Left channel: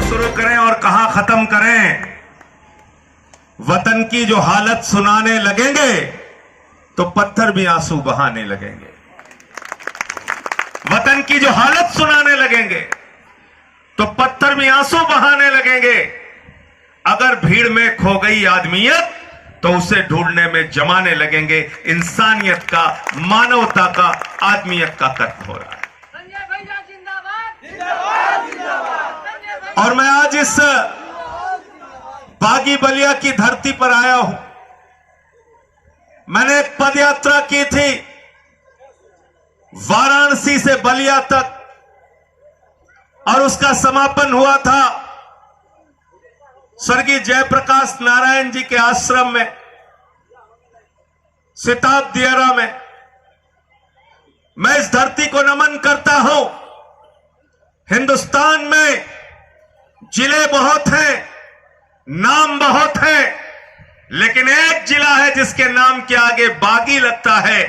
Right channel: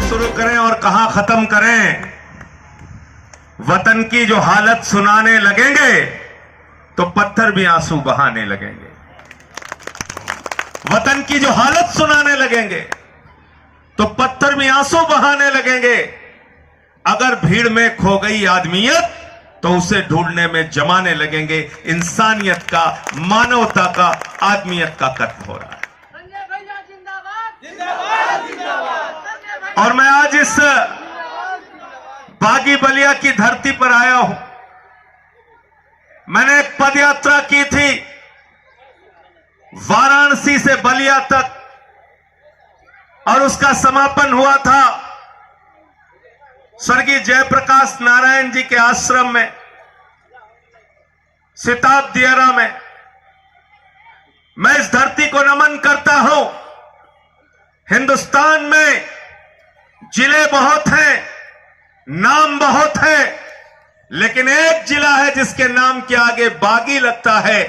शुरू करें और कहां खत्म करें। वतन की जो हालत सुनाने लगेंगे तो पत्थर भी आंसू बहाने लगेंगे। वतन की जो हालत सुनाने लगेंगे तो पत्थर भी आंसू बहाने लगेंगे। अगर भीड़ में खो गई आदमियत तो उसे ढूंढने में जमाने लगेंगे। इंसानियत का, मानवता का, आदमियत का कत्ल हो रहा है। संजय भैया जिंदाबाद जिंदाबाद जिंदाबाद। और मैं आज इस बागी बलिया की धरती पर आया हूं। मैंने एक पदयात्रा की थी वाराणसी से बलिया तक और उसका समापन हुआ था स्वर्गीय जयप्रकाश नारायण जी के आश्रम में, सिताब दियारा में। मैं इस धरती को नमन करता हूं। हिंदुस्तान में जिले बहुत हैं, नाम बहुत है, लेकिन एक जिला है जिसके नाम के आगे बागी लगता है।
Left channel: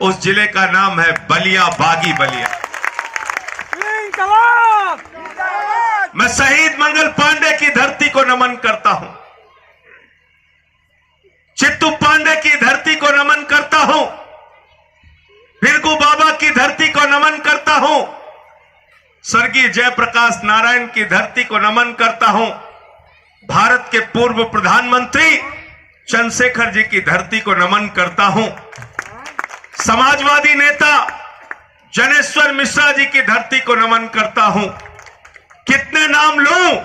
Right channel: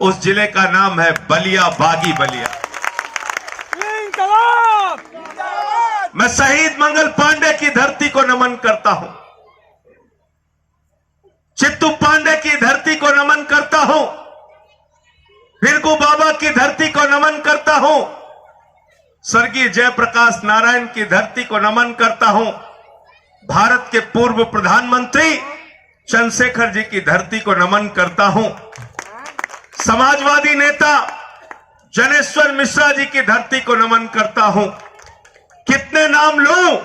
उस जिले का नाम है बलिया, बागी बलिया। मैं शहीद मंगल पांडे की धरती को नमन करता हूं। चित्तू पांडे की धरती को नमन करता हूं। भिरगू बाबा की धरती को नमन करता हूं। स्वर्गीय जयप्रकाश नारायण की धरती को नमन करता हूं। भारत के पूर्व प्रधानमंत्री चंद्रशेखर जी की धरती को नमन करता हूं। समाजवादी नेता जनेश्वर मिश्रा जी की धरती को नमन करता हूं। कितने नाम लूं?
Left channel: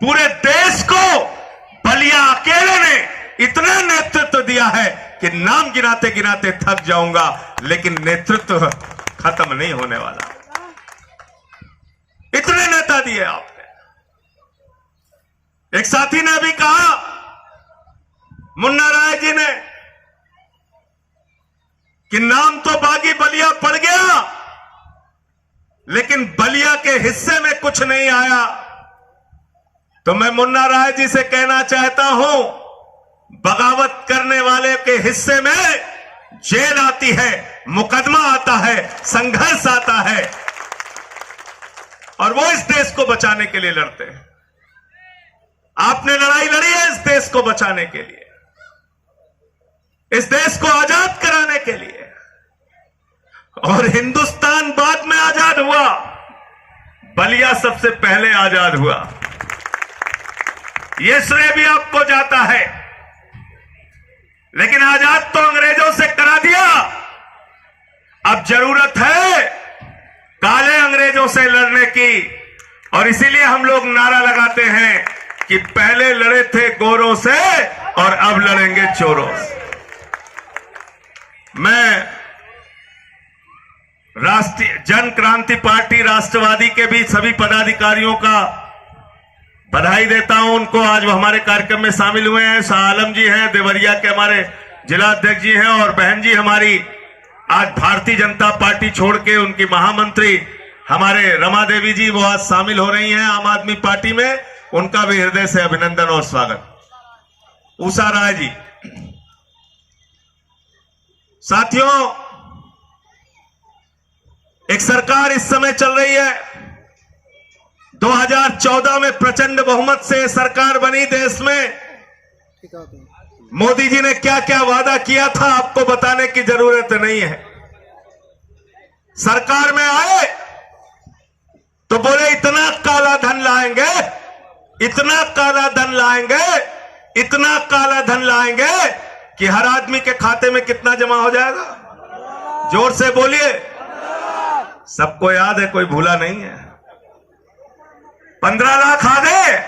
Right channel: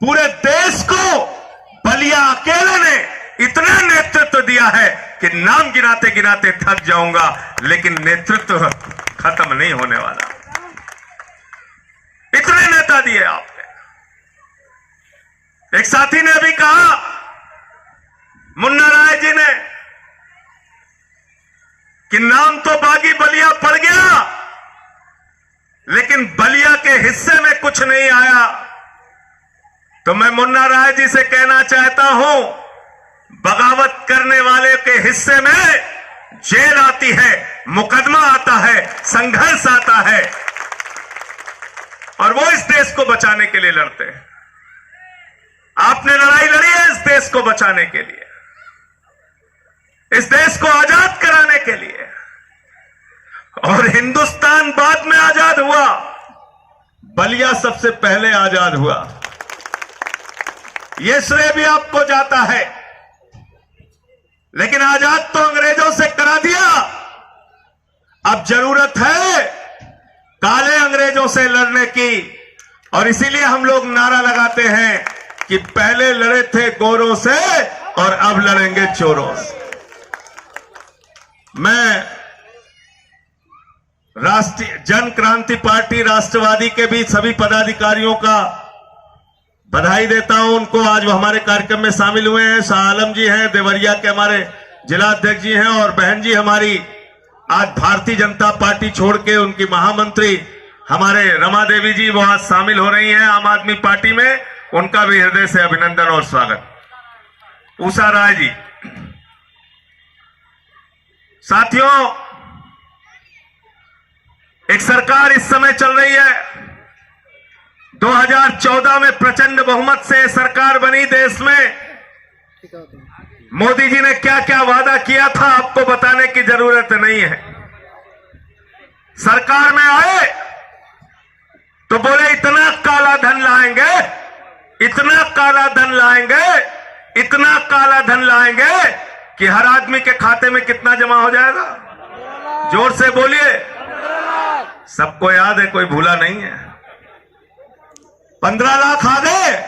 पूरे देश को बलिया अकेले ने इतना नेतृत्व दिया है कि नाम गिनाते गिनाते थक जाऊंगा, लेकिन नेतृत्व खत्म नहीं होने वाला। इतने नेता दिए आपने। एक साथी ने अभी कहा, मुन्ना राय जी ने, कि नाम तो बागी बलिया पड़ गया लेकिन बलिया के हिस्से में कुछ नहीं आया। तो मैं मुन्ना राय जी से कहना चाहता हूं, बगावत करने वाले के हिस्से में जेल आती है, मुकदमा आता है, संघर्ष आता है, और वो इस देश को बचाने के लिए लड़ते हैं। आपने लड़ाई लड़ी है इस देश को बचाने के लिए, इस देश को आजाद कराने के लिए। और हिंदुस्तान बाद में आजाद हुआ, बलिया सबसे पहले आजाद हुआ। यह श्रेय भी आपको जाता है। लेकिन आजाद तो अंग्रेजों से करा दिया। अब जरूरत है काले अंग्रेजों से लड़ने की, और इसीलिए हम लोग नारा लगाते हैं कि पहले लड़े थे गोरों से और अब लड़ेंगे चोरों से। मैं राष्ट्रीय जन क्रांति पार्टी राष्ट्रवादी के भी सभी पदाधिकारियों का बधाई देता हूं। उनको आज वो हमारे कार्यक्रम में शामिल हुए हैं। शाह आलम जी हैं, देवरिया के हमारे जिला अध्यक्ष जी हैं, और बहन जी हमारी आज भारतीय जनता पार्टी छोड़ के उनकी महामंत्री हमारे रमा देवी जी वो आज शामिल हो रही हैं आम आदमी पार्टी में। उनका भी हृदय से अभिनंदन और स्वागत। उषा राय जी। साथियों, एक सरकार इस समय चल रही है। 2014 में प्रचंड बहुमत से सरकार बनी देश में। मोदी जी ने क्या क्या वादा किया था आपको बताने की जरूरत नहीं है। सरकार में आए तो बोले इतना काला धन लाएंगे, इतना काला धन लाएंगे, इतना काला धन लाएंगे कि हर आदमी के खाते में कितना जमा हो जाएगा? जोर से बोलिए। सबको याद है, कोई भूला नहीं है। 15 लाख आ गए।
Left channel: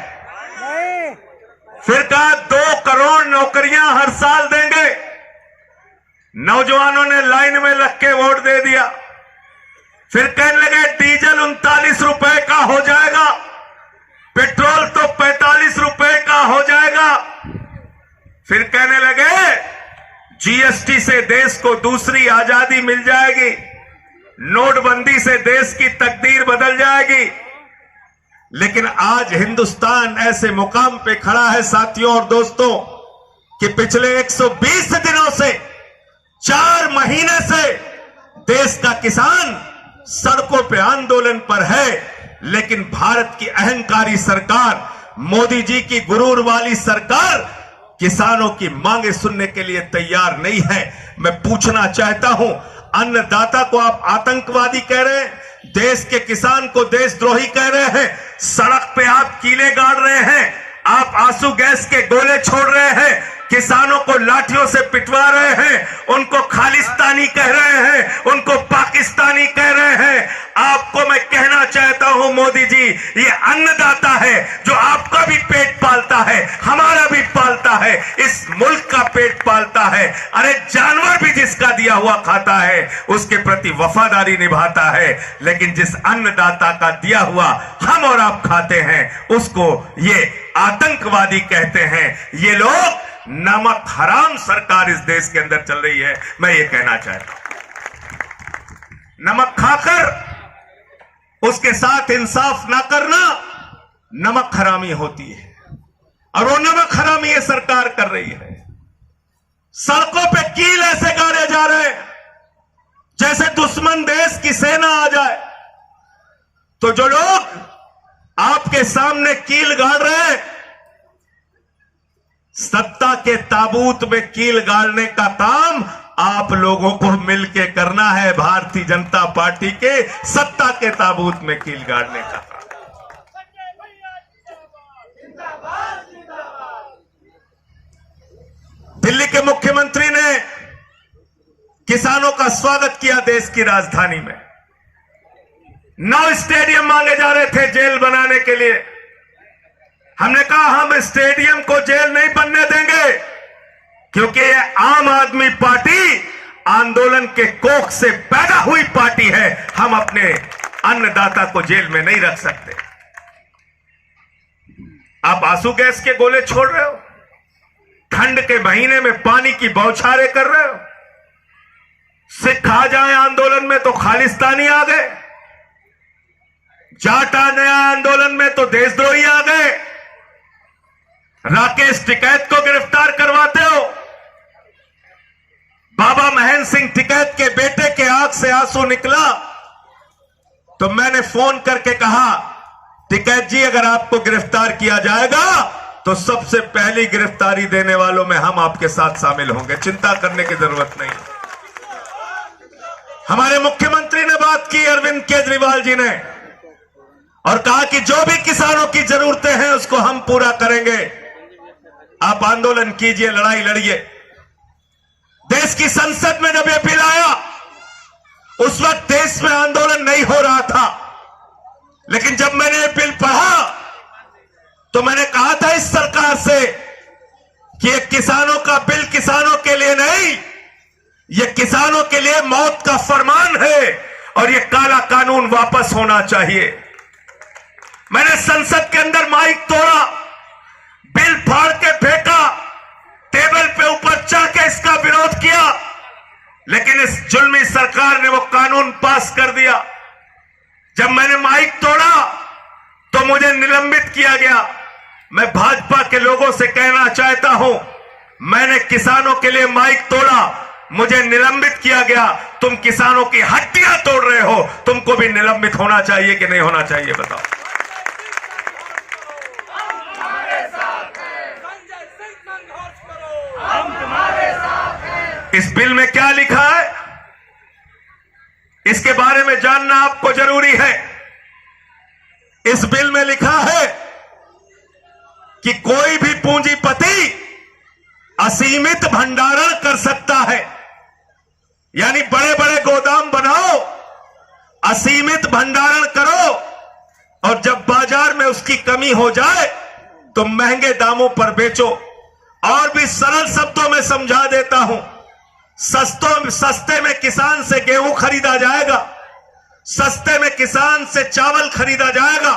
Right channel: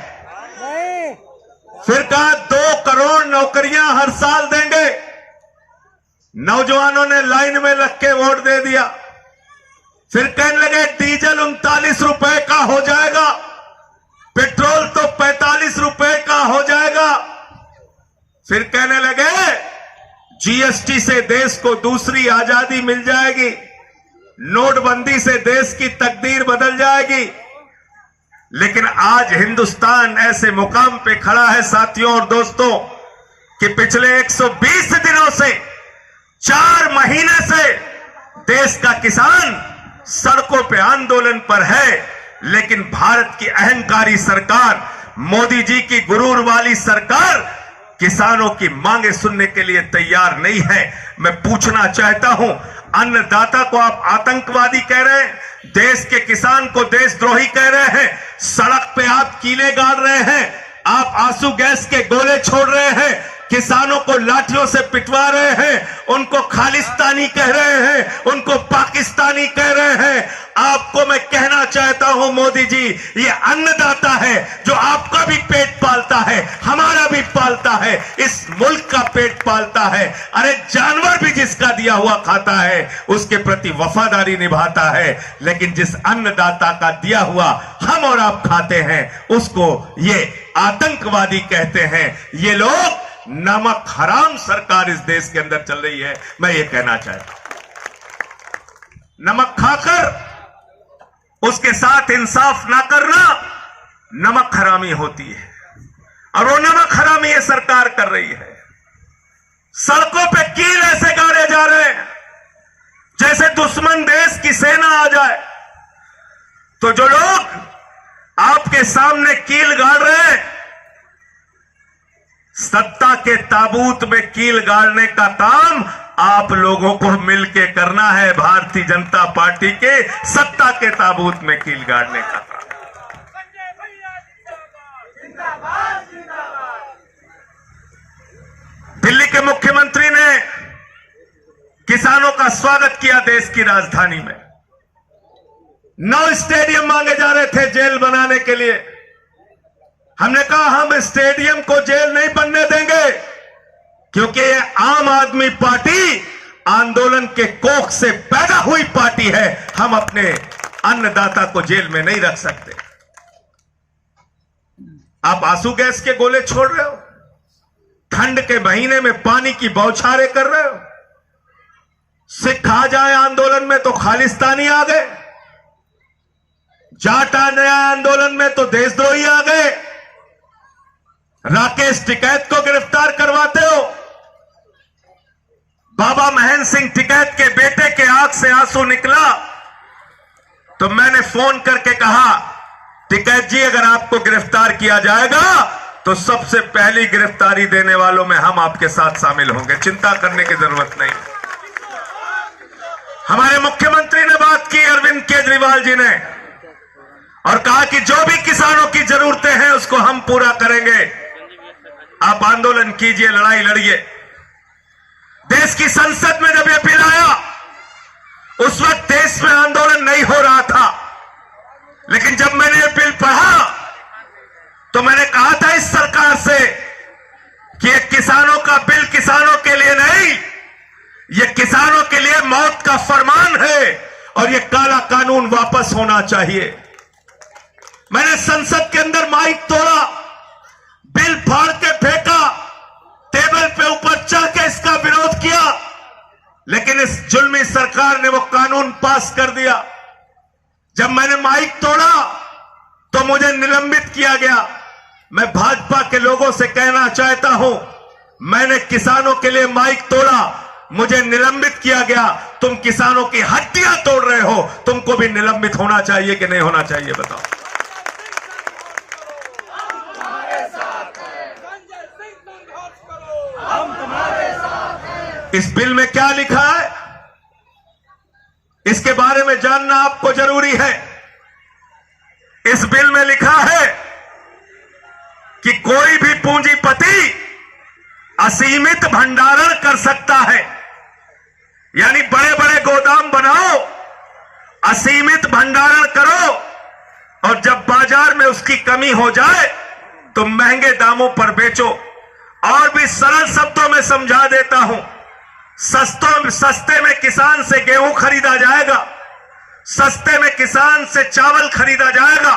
फिर कहा 2 करोड़ नौकरियां हर साल देंगे। नौजवानों ने लाइन में लग के वोट दे दिया। फिर कहने लगे डीजल 39 रुपए का हो जाएगा, पेट्रोल तो 45 रुपए का हो जाएगा। फिर कहने लगे जीएसटी से देश को दूसरी आजादी मिल जाएगी, नोटबंदी से देश की तकदीर बदल जाएगी। लेकिन आज हिंदुस्तान ऐसे मुकाम पे खड़ा है साथियों और दोस्तों कि पिछले 120 दिनों से 4 महीने से देश का किसान सड़कों पे आंदोलन पर है, लेकिन भारत की अहंकारी सरकार, मोदी जी की गुरूर वाली सरकार किसानों की मांगे सुनने के लिए तैयार नहीं है। मैं पूछना चाहता हूं, अन्नदाता को आप आतंकवादी कह रहे हैं, देश के किसान को देशद्रोही कह रहे हैं, सड़क पे आप कीले गाड़ रहे हैं, आप आंसू गैस के गोले छोड़ रहे हैं, किसानों को लाठियों से पिटवा रहे हैं, उनको खालिस्तानी कह रहे हैं, उनको पाकिस्तानी कह रहे हैं। आपको मैं कहना चाहता हूं मोदी जी, ये अन्नदाता है जो आपका भी पेट पालता है, हमारा भी पालता है, इस मुल्क का पेट पालता है। अरे जानवर भी जिसका दिया हुआ खाता है उसके प्रति वफादारी निभाता है, लेकिन जिस अन्नदाता का दिया हुआ हम और आप खाते हैं उसको ये आतंकवादी कहते हैं। ये लोग नमक हराम सरकार इस देश के अंदर चल रही है। मैं ये कहना चाहता हूं, नमक खाकर उसके साथ इंसाफ ना करना नमक हरामी होती है, और वो नमक हरामी ये सरकार कर रही है। सड़कों पे कील ऐसे गाड़े जा रहे हैं जैसे दुश्मन देश की सेना आ जाए। तो जो लोग आपके सामने कील गाड़ रहे हैं, सत्ता के ताबूत में कील गाड़ने का काम आप लोगों को मिलके करना है। भारतीय जनता पार्टी के सत्ता के ताबूत में कील गाड़ने का काम। संजय भैया जिंदाबाद, जिंदाबाद। दिल्ली के मुख्यमंत्री ने किसानों का स्वागत किया देश की राजधानी में। 9 स्टेडियम मांगे जा रहे थे जेल बनाने के लिए। हमने कहा हम स्टेडियम को जेल नहीं बनने देंगे, क्योंकि ये आम आदमी पार्टी आंदोलन के कोख से पैदा हुई पार्टी है। हम अपने अन्नदाता को जेल में नहीं रख सकते। आप आंसू गैस के गोले छोड़ रहे हो, ठंड के महीने में पानी की बौछारें कर रहे हो। सिख आ जाए आंदोलन में तो खालिस्तानी आ गए, जाट आ गए आंदोलन में तो देशद्रोही आ गए, राकेश टिकैत को गिरफ्तार करवाते हो। बाबा महेंद्र सिंह टिकैत के बेटे के आंख से आंसू निकला तो मैंने फोन करके कहा, टिकैत जी अगर आपको गिरफ्तार किया जाएगा तो सबसे पहली गिरफ्तारी देने वालों में हम आपके साथ शामिल होंगे, चिंता करने की जरूरत नहीं। हमारे मुख्यमंत्री ने बात की, अरविंद केजरीवाल जी ने, और कहा कि जो भी किसानों की जरूरतें हैं उसको हम पूरा करेंगे। आप आंदोलन कीजिए, लड़ाई लड़िए। देश की संसद में जब यह बिल आया उस वक्त देश में आंदोलन नहीं हो रहा था, लेकिन जब मैंने यह बिल पढ़ा तो मैंने कहा था इस सरकार से कि यह किसानों का बिल किसानों के लिए नहीं, यह किसानों के लिए मौत का फरमान है और यह काला कानून वापस होना चाहिए। मैंने संसद के अंदर माइक तोड़ा, बिल फाड़ के फेंका, टेबल पे ऊपर चढ़ के इसका विरोध किया, लेकिन इस जुल्मी सरकार ने वो कानून पास कर दिया। जब मैंने माइक तोड़ा तो मुझे निलंबित किया गया। मैं भाजपा के लोगों से कहना चाहता हूं, मैंने किसानों के लिए माइक तोड़ा, मुझे निलंबित किया गया। तुम किसानों की हड्डियां तोड़ रहे हो, तुमको भी निलंबित होना चाहिए कि नहीं होना चाहिए, बताओ। इस बिल में क्या लिखा है इसके बारे में जानना आपको जरूरी है। इस बिल में लिखा है कि कोई भी पूंजीपति असीमित भंडारण कर सकता है, यानी बड़े बड़े गोदाम बनाओ, असीमित भंडारण करो, और जब बाजार में उसकी कमी हो जाए तो महंगे दामों पर बेचो। और भी सरल शब्दों में समझा देता हूं, सस्ते में किसान से गेहूं खरीदा जाएगा, सस्ते में किसान से चावल खरीदा जाएगा,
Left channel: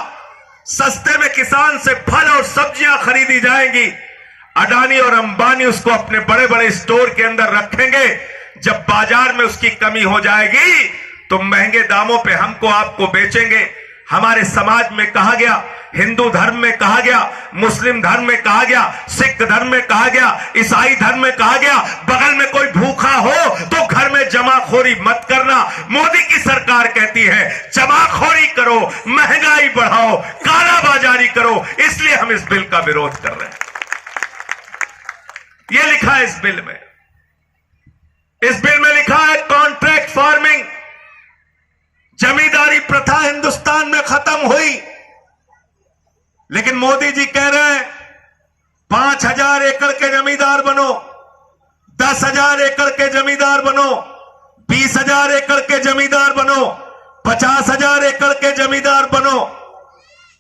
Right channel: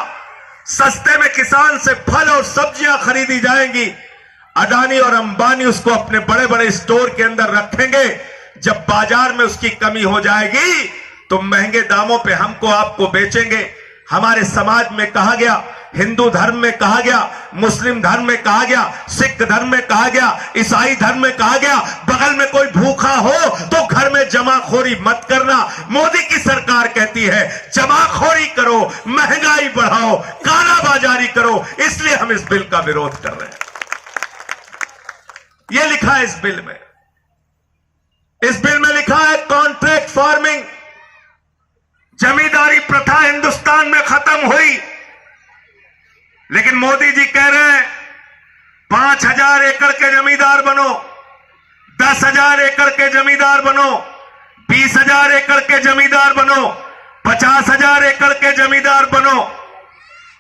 सस्ते में किसान से फल और सब्जियां खरीदी जाएंगी। अडानी और अंबानी उसको अपने बड़े बड़े स्टोर के अंदर रखेंगे। जब बाजार में उसकी कमी हो जाएगी तो महंगे दामों पे हमको आपको बेचेंगे। हमारे समाज में कहा गया, हिंदू धर्म में कहा गया, मुस्लिम धर्म में कहा गया, सिख धर्म में कहा गया, ईसाई धर्म में कहा गया, बगल में कोई भूखा हो तो घर में जमाखोरी मत करना। मोदी की सरकार कहती है जमाखोरी करो, महंगाई बढ़ाओ, कालाबाजारी करो, इसलिए हम इस बिल का विरोध कर रहे हैं। यह लिखा है इस बिल में। इस बिल में लिखा है कॉन्ट्रैक्ट फार्मिंग, जमींदारी प्रथा हिंदुस्तान में खत्म हुई। लेकिन मोदी जी कह रहे हैं 5,000 एकड़ के जमींदार बनो, 10,000 एकड़ के जमींदार बनो, 20,000 एकड़ के जमींदार बनो, 50,000 एकड़ के जमींदार बनो।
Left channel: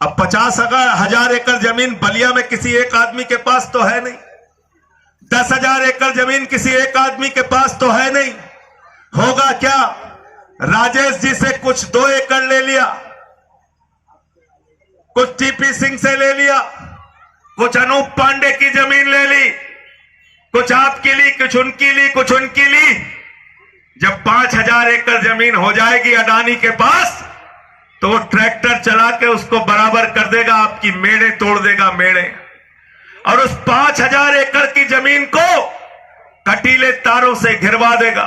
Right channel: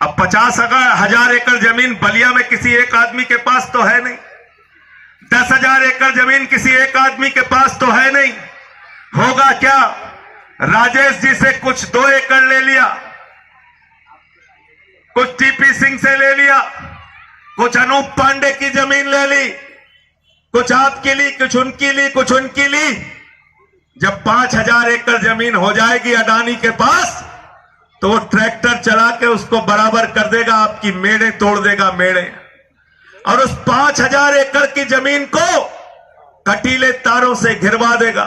अब 50,000 एकड़ जमीन बलिया में किसी एक आदमी के पास तो है नहीं, 10,000 एकड़ जमीन किसी एक आदमी के पास तो है नहीं। होगा क्या, राजेश जी से कुछ 2 एकड़ ले लिया, कुछ टीपी सिंह से ले लिया, कुछ अनूप पांडे की जमीन ले ली, कुछ आपकी ली, कुछ उनकी ली, कुछ उनकी ली। जब 5,000 एकड़ जमीन हो जाएगी अडानी के पास तो वो ट्रैक्टर चला के उसको बराबर कर देगा, आपकी मेड़े तोड़ देगा, मेड़े। और उस 5,000 एकड़ की जमीन को कटीले तारों से घिरवा देगा,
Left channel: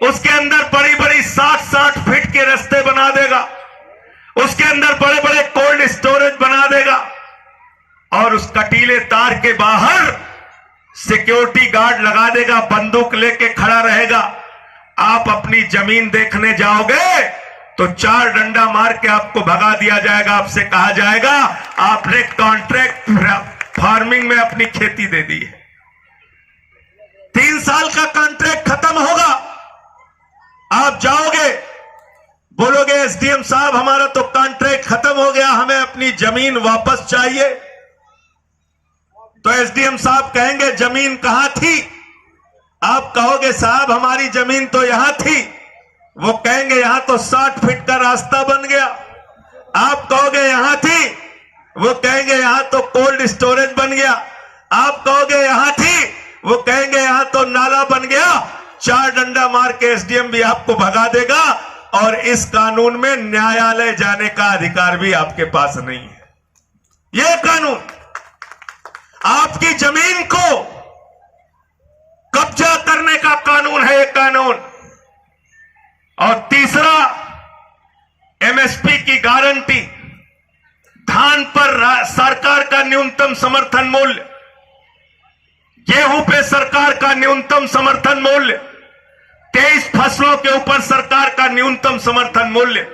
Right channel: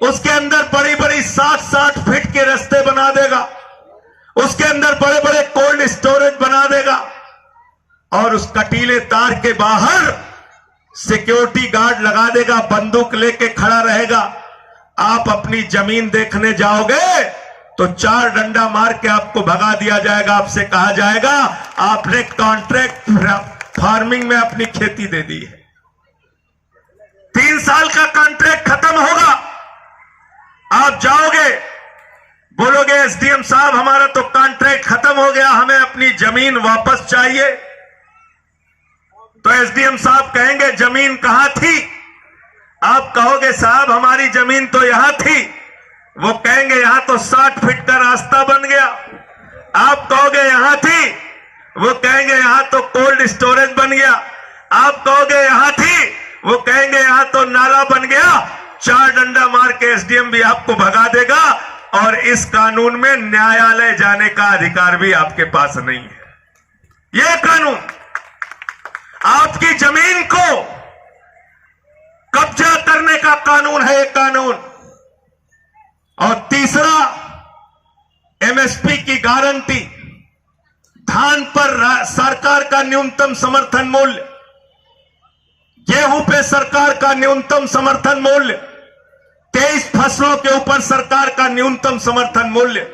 उसके अंदर बड़ी बड़ी 60-60 फीट के रास्ते बना देगा, उसके अंदर बड़े बड़े कोल्ड स्टोरेज बना देगा, और उस कटीले तार के बाहर सिक्योरिटी गार्ड लगा देगा, बंदूक लेके खड़ा रहेगा। आप अपनी जमीन देखने जाओगे तो 4 डंडा मार के आपको भगा दिया जाएगा। आपसे कहा जाएगा आपने कॉन्ट्रैक्ट फार्मिंग में अपनी खेती दे दी है। 3 साल का कॉन्ट्रैक्ट खत्म होगा, आप जाओगे बोलोगे एसडीएम साहब हमारा तो कॉन्ट्रैक्ट खत्म हो गया, हमें अपनी जमीन वापस चाहिए। तो एसडीएम साहब कहेंगे जमीन कहां थी? आप कहोगे साहब हमारी जमीन तो यहां थी। वो कहेंगे यहां तो 60 फीट का रास्ता बन गया। आप कहोगे यहां थी, वो कहेंगे यहां तो कोल्ड स्टोरेज बन गया। आप कहोगे यहां थी, वो कहेंगे यहां तो नाला बन गया। 4 डंडा मार के एसडीएम भी आपको भगा देगा, और इस कानून में न्यायालय जाने का अधिकार भी आपके पास नहीं है। यह कानून आपकी जमीन को कब्जा करने का कानून है, यह कानून। और तीसरा, एमएसपी की गारंटी, धान पर सरकार का न्यूनतम समर्थन मूल्य, गेहूं पे सरकार का न्यूनतम समर्थन मूल्य, 23 फसलों के ऊपर सरकार का न्यूनतम समर्थन मूल्य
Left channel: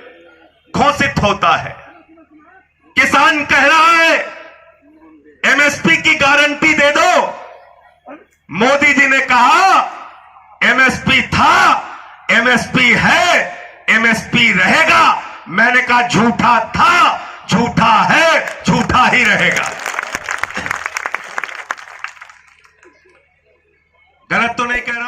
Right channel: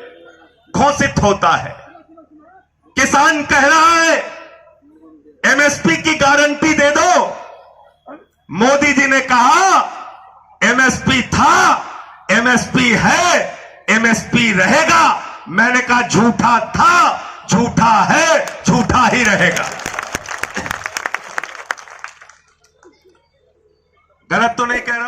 घोषित होता है। किसान कह रहा है एमएसपी की गारंटी दे दो। मोदी जी ने कहा एमएसपी था, एमएसपी है, एमएसपी रहेगा। मैंने कहा झूठा था, झूठा है, झूठा ही रहेगा। गलत तो नहीं कह रहा।